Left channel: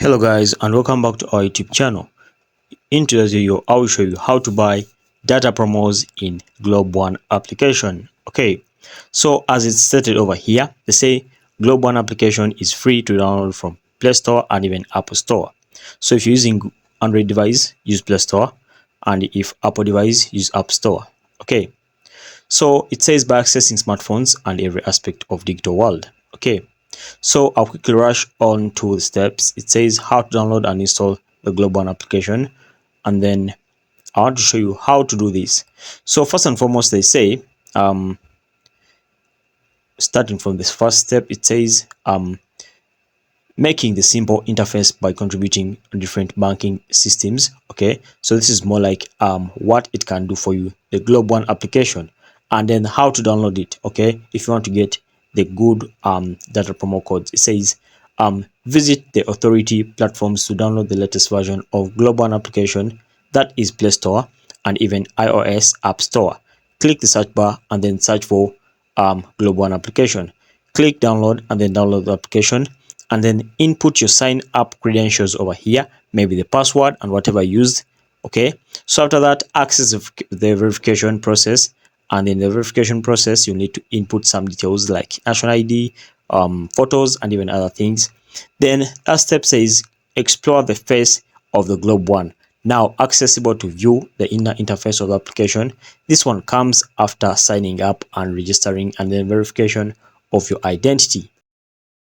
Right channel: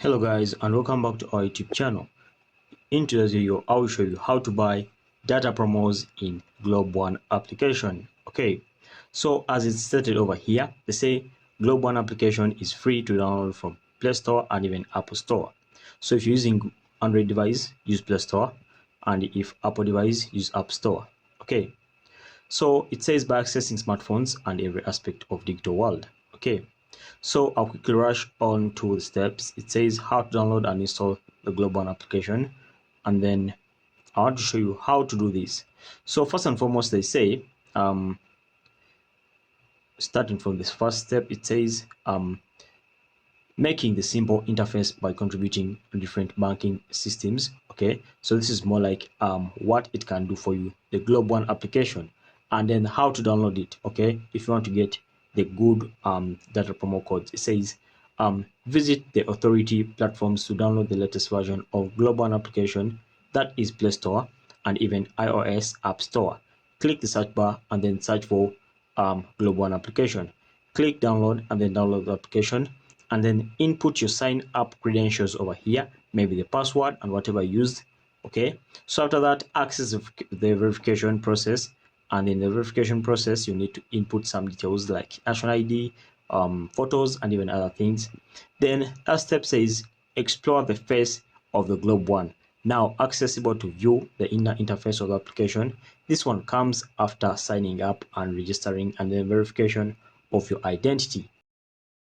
Hello guys, and welcome back to our YouTube channel. In today's video, I will show you how to buy data promos in Globeone application. Okay, so as it's stated over here, they say Globeone application is free to download from Play Store and even Apple Store. So if you're using Android device, use Play Store, and if Apple device, use App Store. Okay, so it says by accessing smartphones and every aspect of digital world. Okay, so I'll quickly rush on to the steps. It says how to download and install the Globeone application, and then I want to show you how to do this. So first and foremost, they say starting from this first step, it says making the simple interface by contributing different banking systems. Okay, so this is more like what it can do for you, the Globeone application, and then how to download it. Okay, if you want to get the good data promo codes, it says visit the authority platforms to download the latest version of Globeone application, that is Play Store and even iOS App Store. Click the search bar and then search for Globeone application. Click download and then download the application, and then input your sign up credentials over here, maybe the password and whatever used. Okay, so after that, access the verification process, and in the verification process you need to input some details like national ID, photos, and even other things. Then last step says explore the face of the Globeone, now accessible to view the inner interface of the application. This one comes after signing up and registering and then verification of your identity.